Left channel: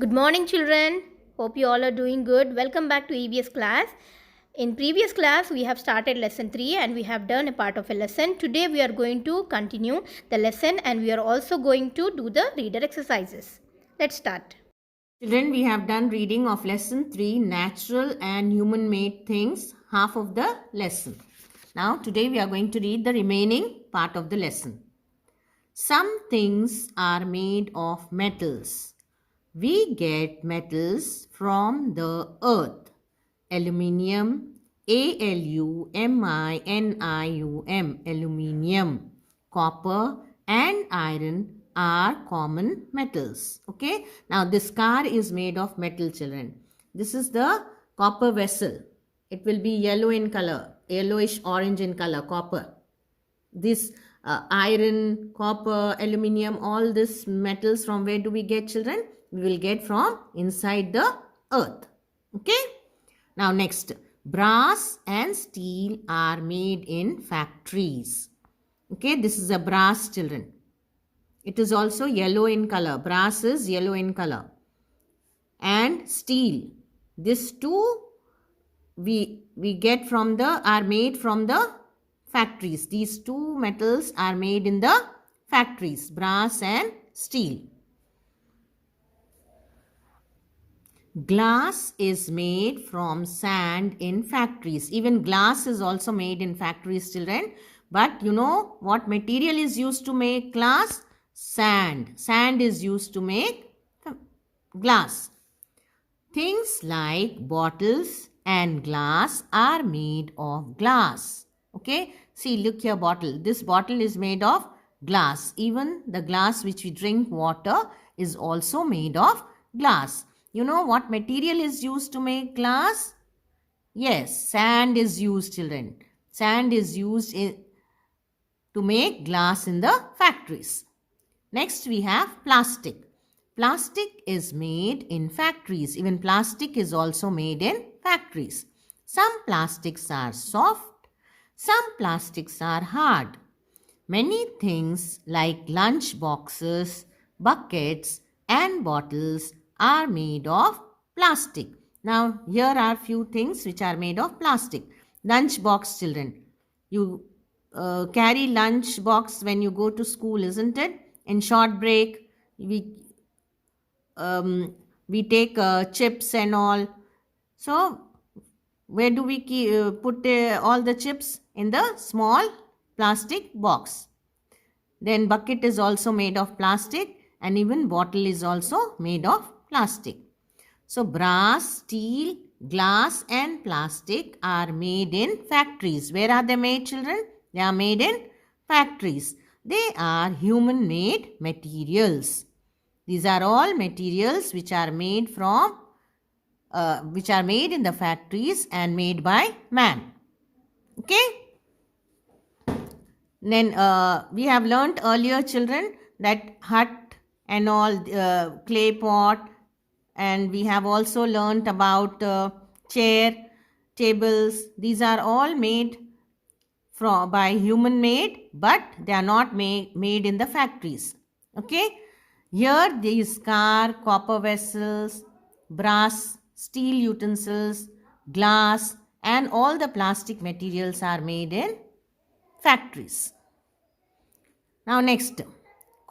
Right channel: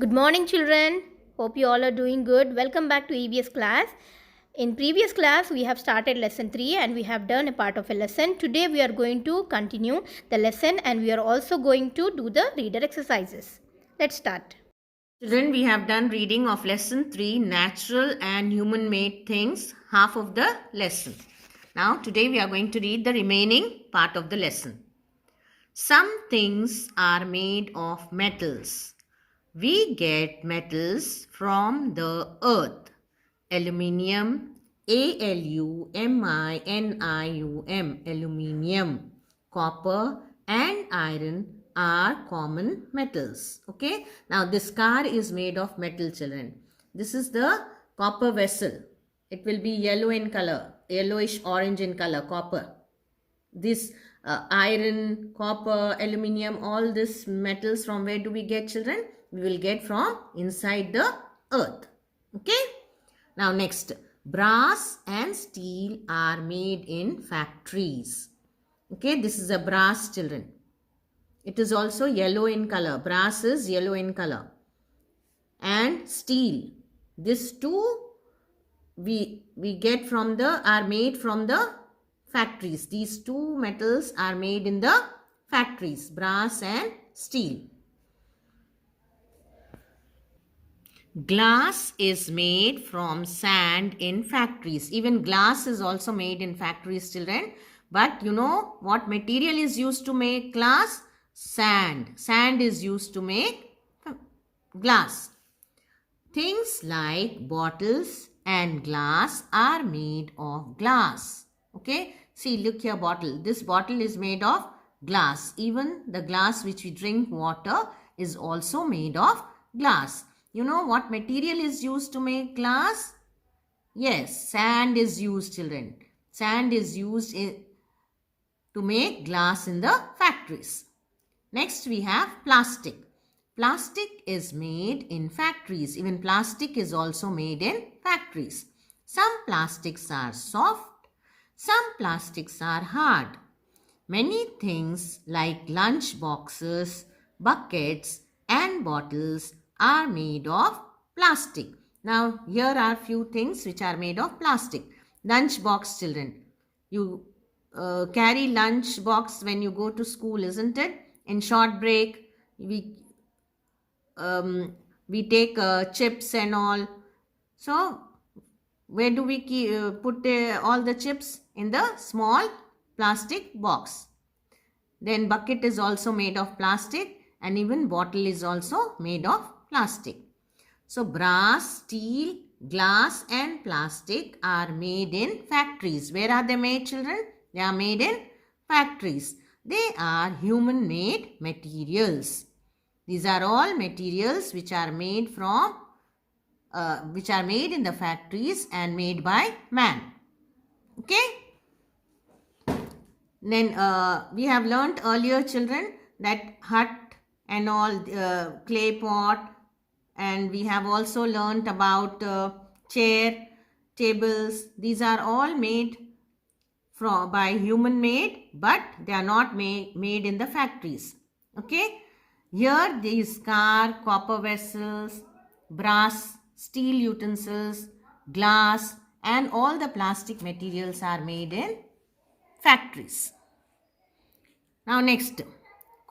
Good morning, children. Hope you all are doing good. Welcome back to EBS class. In previous class, we have started lesson 3 and we have done a part of a lesson. Today, we are going to continue the lesson and we are also going to do the reader exercises. Let's start. Children, we have done reading of lesson 3, natural and human made things, half of the lesson. Now, today we are going to read the remaining part of the lesson. Some things are made of metals. We get metals from the earth. Aluminium, Aluminium, aluminium, copper and iron are common metals. Okay. Now this car is made of metal, children. This is the copper vessel. It will be yellow in color, yellowish orange in color, copper. This iron, copper, aluminium, all these metals, from where do we get, children? We will get from inside the earth. Okay. Now next, brass and steel are made in factories. Okay, this is a brass, children. It is also yellow in color. Brass is yellow in color. And steel. These two we get from are made from the factories. These two metals are made in the factories, brass and steel. Glass is made from sand in factories. Even glass is also made in factories, children. But you know what material is used to make glass? Sand. Sand is used to make glass. Things like bottles and glass are made of glass. Okay. See, look here, bottle. This bottle is made of glass. Even the glass which we drink water is also made of glass. You know what material is used to make glass? Yes, sand is used, children. Sand is used to make glass in the factories. Next, we have plastic. Plastic is made in factories. Even plastic is also made in factories. Some plastics are soft. Some plastics are hard. Many things like lunch boxes, buckets and bottles are made of plastic. Now, here are few things which are made of plastic. Lunch box, children. You carry lunch box when you go to school, isn't it? In short break, we take chips and all. So, where do we put all the chips? In the small plastic box. Then bucket is also made of plastic and even bottle is also made of plastic. So brass, steel, glass and plastic are made in factories. Where are they made, children? They are made in factories. They are human made materials. These are all materials which are made from which are made in the factories and made by man. Okay. Then we have learnt earlier, children, that hut and all, clay pot, and we have also learnt about chair, tables. These are all made by human made, but they are not made in the factories. Okay. Here these car, copper vessels, brass, steel utensils, glass and all the plastic materials are made in factories. Now next,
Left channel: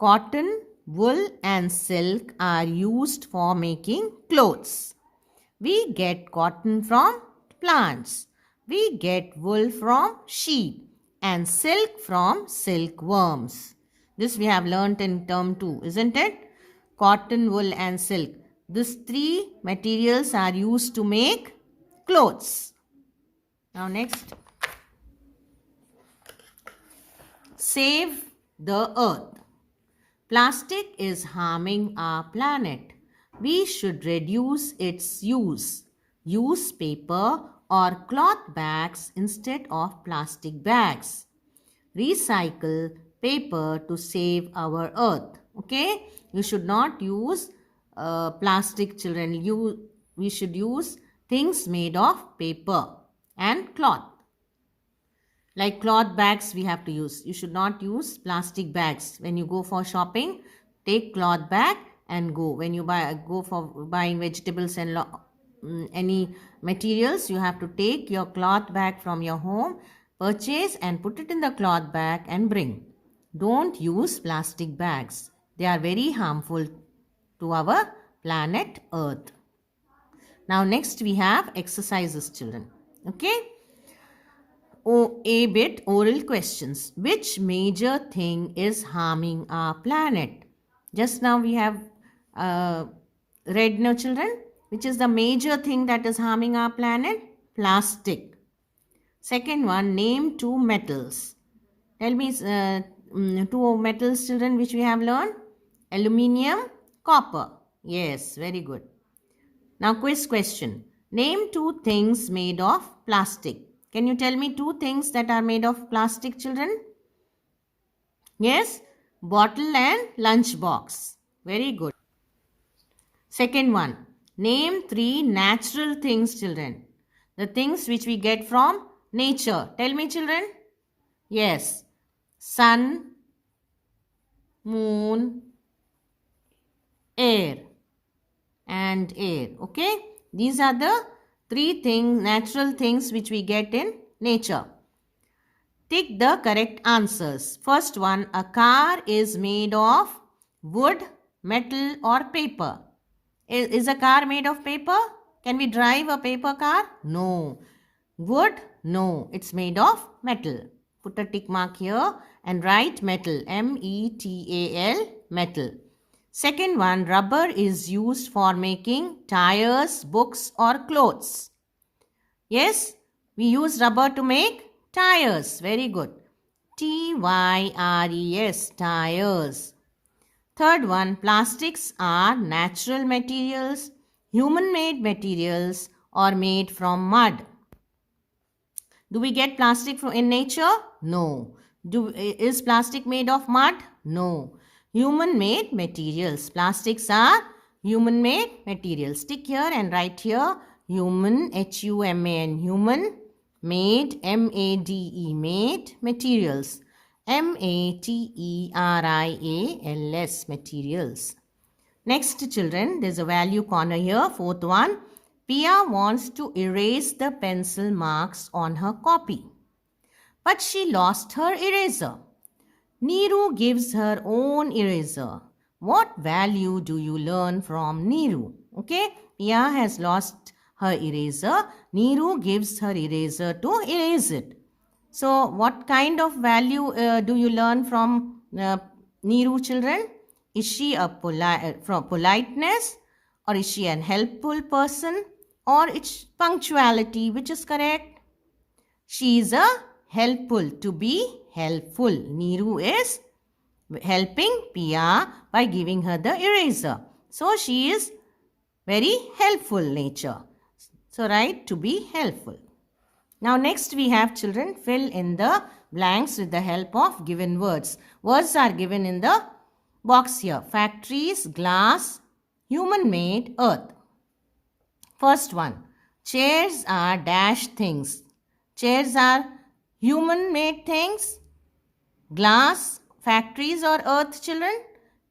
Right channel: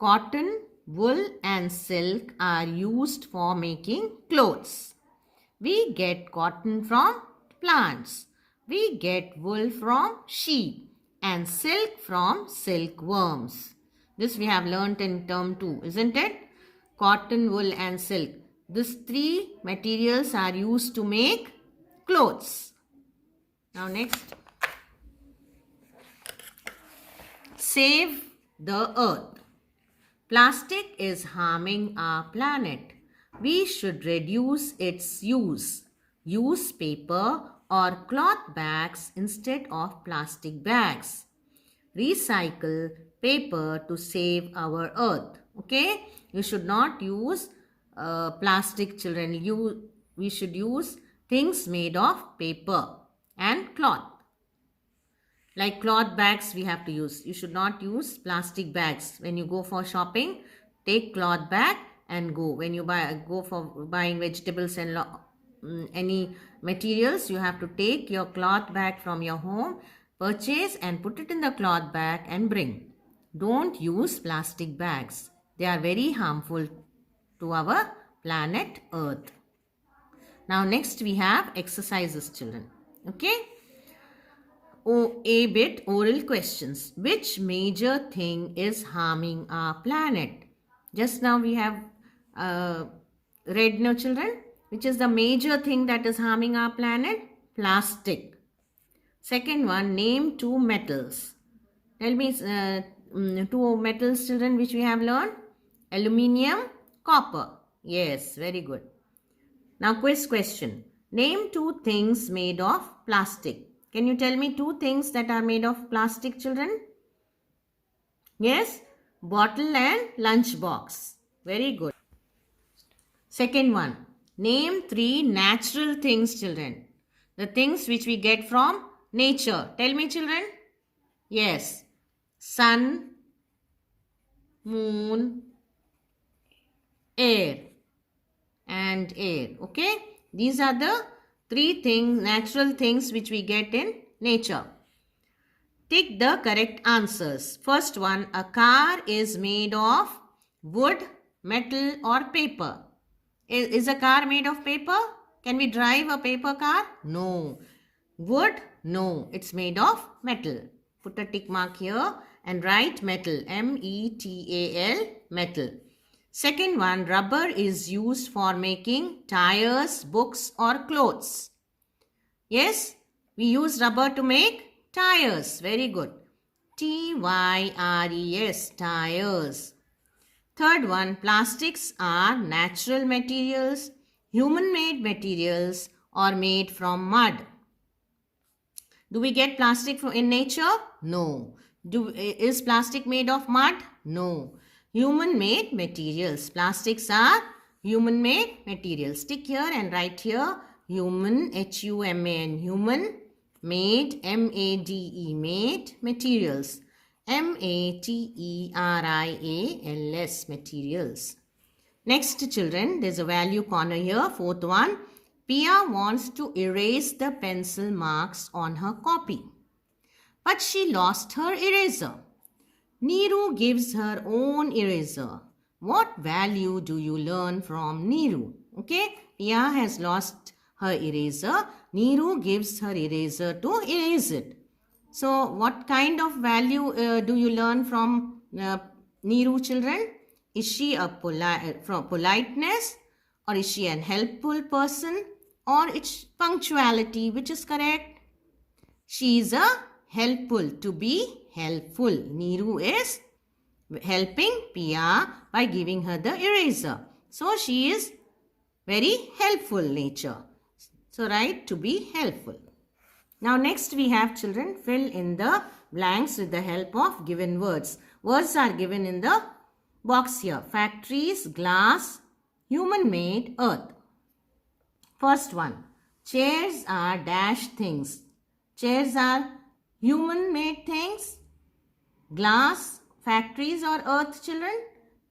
cotton, wool and silk are used for making clothes. We get cotton from plants. We get wool from sheep and silk from silkworms. This we have learnt in term 2, isn't it? Cotton, wool and silk. These three materials are used to make clothes. Now next, save the earth. Plastic is harming our planet. We should reduce its use. Use paper or cloth bags instead of plastic bags. Recycle paper to save our earth. Okay? You should not use plastic, children. We should use things made of paper and cloth. Like cloth bags we have to use. You should not use plastic bags. When you go for shopping, take cloth bag and go. When you go for buying vegetables and any materials, you have to take your cloth bag from your home, purchase and put it in the cloth bag and bring. Don't use plastic bags. They are very harmful to our planet Earth. Now next we have exercises, children. Okay. A bit oral questions. Which major thing is harming our planet? Just now we have read, no children? Which is the major thing that is harming our planet? Plastic. Second one, name two metals. Tell me two metals, children, which we have learned. Aluminium, copper. Yes, very good. Now quiz question. Name two things made of plastic. Can you tell me two things that are made of plastic, children? Yes, bottle and lunch box. Very good. Second one. Name three natural things, children. The things which we get from nature. Tell me, children. Yes. Sun, moon, air and air. Okay. These are the three natural things which we get in nature. Tick the correct answers. First one, a car is made of wood, metal or paper. Is a car made of paper? Can we drive a paper car? No. Wood? No. It's made of metal. Put a tick mark here and write metal. M-E-T-A-L, metal. Second one, rubber is used for making tires, books or clothes. Yes, we use rubber to make tires. Very good. T-Y-R-E-S, tires. Third one, plastics are natural materials, human-made materials or made from mud. Do we get plastic in nature? No. Is plastic made of mud? No. Human-made materials. Plastics are human-made materials. Stick here and write here human, H-U-M-A-N, human, made, M-A-D-E, made materials. M-A-T-E-R-I-A-L-S, materials. Next, children, there's a value corner here. Fourth one, Pia wants to erase the pencil marks on her copy, but she lost her eraser. Neeru gives her own eraser. What value do you learn from Neeru? Okay, Pia has lost her eraser. Neeru gives her eraser to erase it. So, what kind of value do you learn from Neeru, children? Is she from politeness, or is she an helpful person, or it's punctuality? Which is correct? She is a helpful, to be helpful. Neeru is helping Pia by giving her the eraser. So, she is very helpful nature. So, write to be helpful. Now next we have, children, fill in the blanks with the help of given words. Words are given in the box here. Factories, glass, human-made, earth. First one, chairs are dash things. Chairs are human-made things. Glass, factories or earth, children?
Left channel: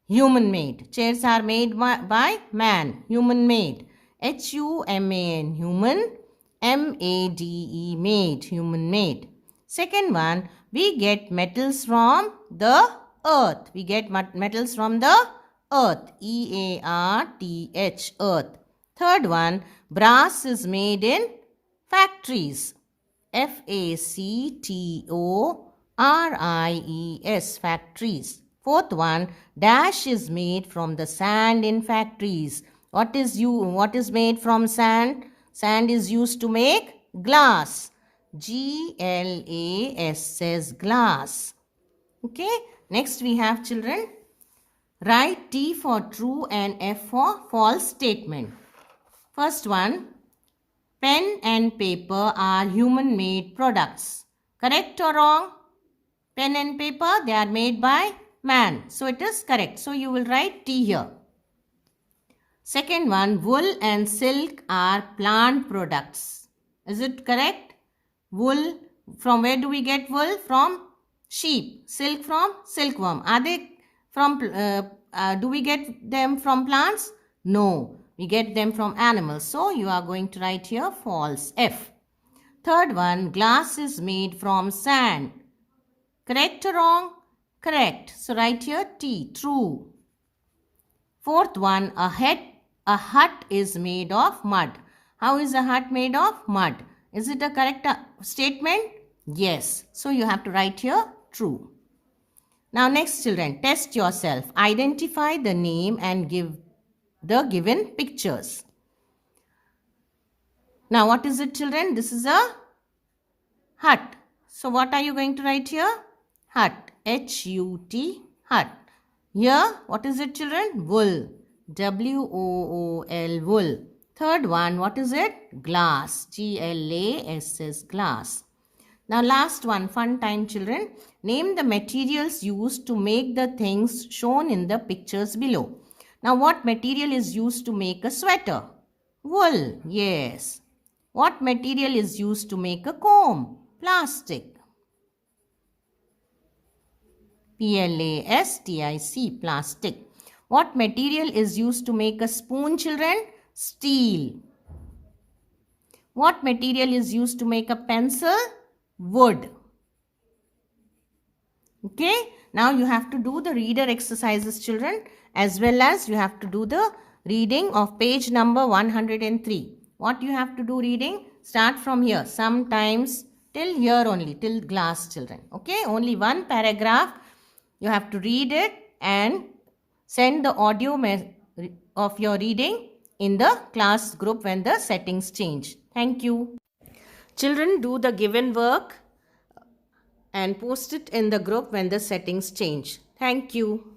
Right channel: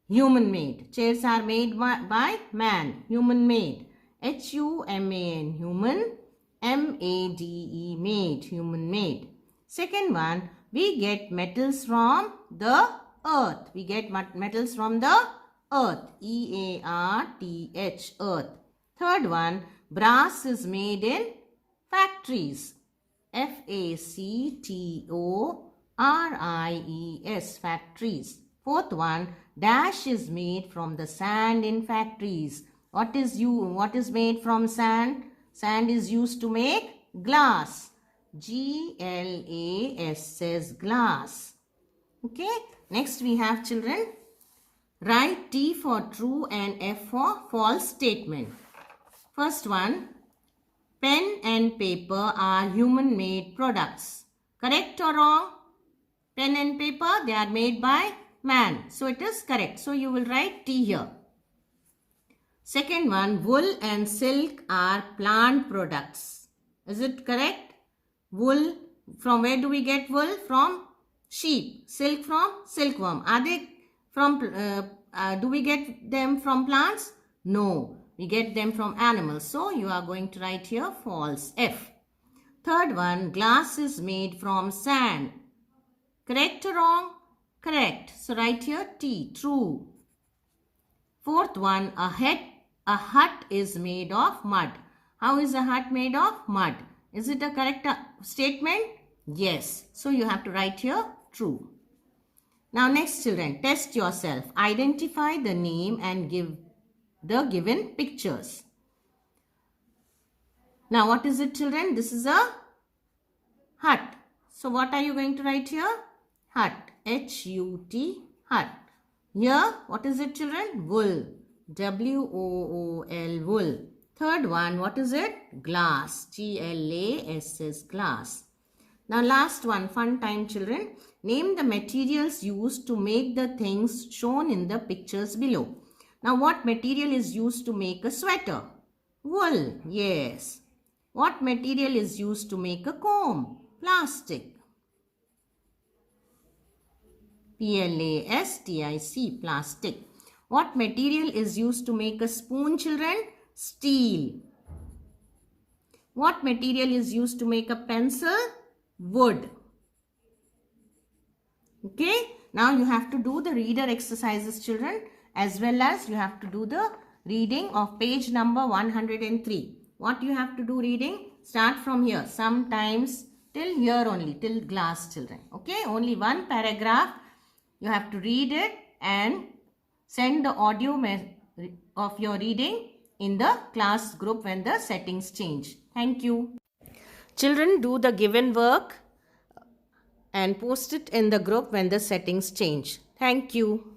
Human-made. Chairs are made by man. Human-made. H-U-M-A-N, human. M-A-D-E, made, human made. Second one, we get metals from the earth. We get metals from the earth. E-A-R-T-H, earth. Third one, brass is made in factories. F-A-C-T-O-R-I-E-S, factories. Fourth one, dash is made from the sand in factories. What is made from sand? Sand is used to make glass. G-L-A-S says glass. Okay. Next we have, children, write T for true and F for false statement. First one, pen and paper are human-made products. Correct or wrong? Pen and paper, they are made by man. So it is correct. So you will write T here. Second one, wool and silk are plant products. Is it correct? Wool, from where do we get wool? From sheep. Silk from silkworm. Are they from do we get them from plants? No, we get them from animals. So you are going to write here false, F. Third one, glass is made from sand. Correct or wrong? Correct. So write here T, true. Fourth one, a hut is made of mud. How is a hut made of? Mud. Is it a correct statement? Yes. So you have to write here true. Now next children, test yourself. Identify the name and give the given pictures. Now what is it children? This is a hut. So what are you going to write here? Hut. H-U-T, hut. Here, what is it children? Wool. W-O-O-L, wool. Third one, what is it? Glass. G-L-A-S-S, glass. Now last one, fun time children. Name the materials used to make the things shown in the pictures below. Now what material is used to make a sweater? Wool. Yes. What material is used to make a comb? Plastic. P-L-A-S-T-I-C, plastic. What material is used to make a spoon, children? Steel. What material is used to make a pencil? Wood. Okay, now you have to do the reader exercises, children, as well as you have to do the reading of page number 103. What you have to do reading? Start from here. Sometimes till here only, till glass, children. Okay, only one paragraph. You have to read it and send the audio of your reading in the class group when the settings change. Thank you. Children, do the given work and post it in the group when the settings change. Thank you.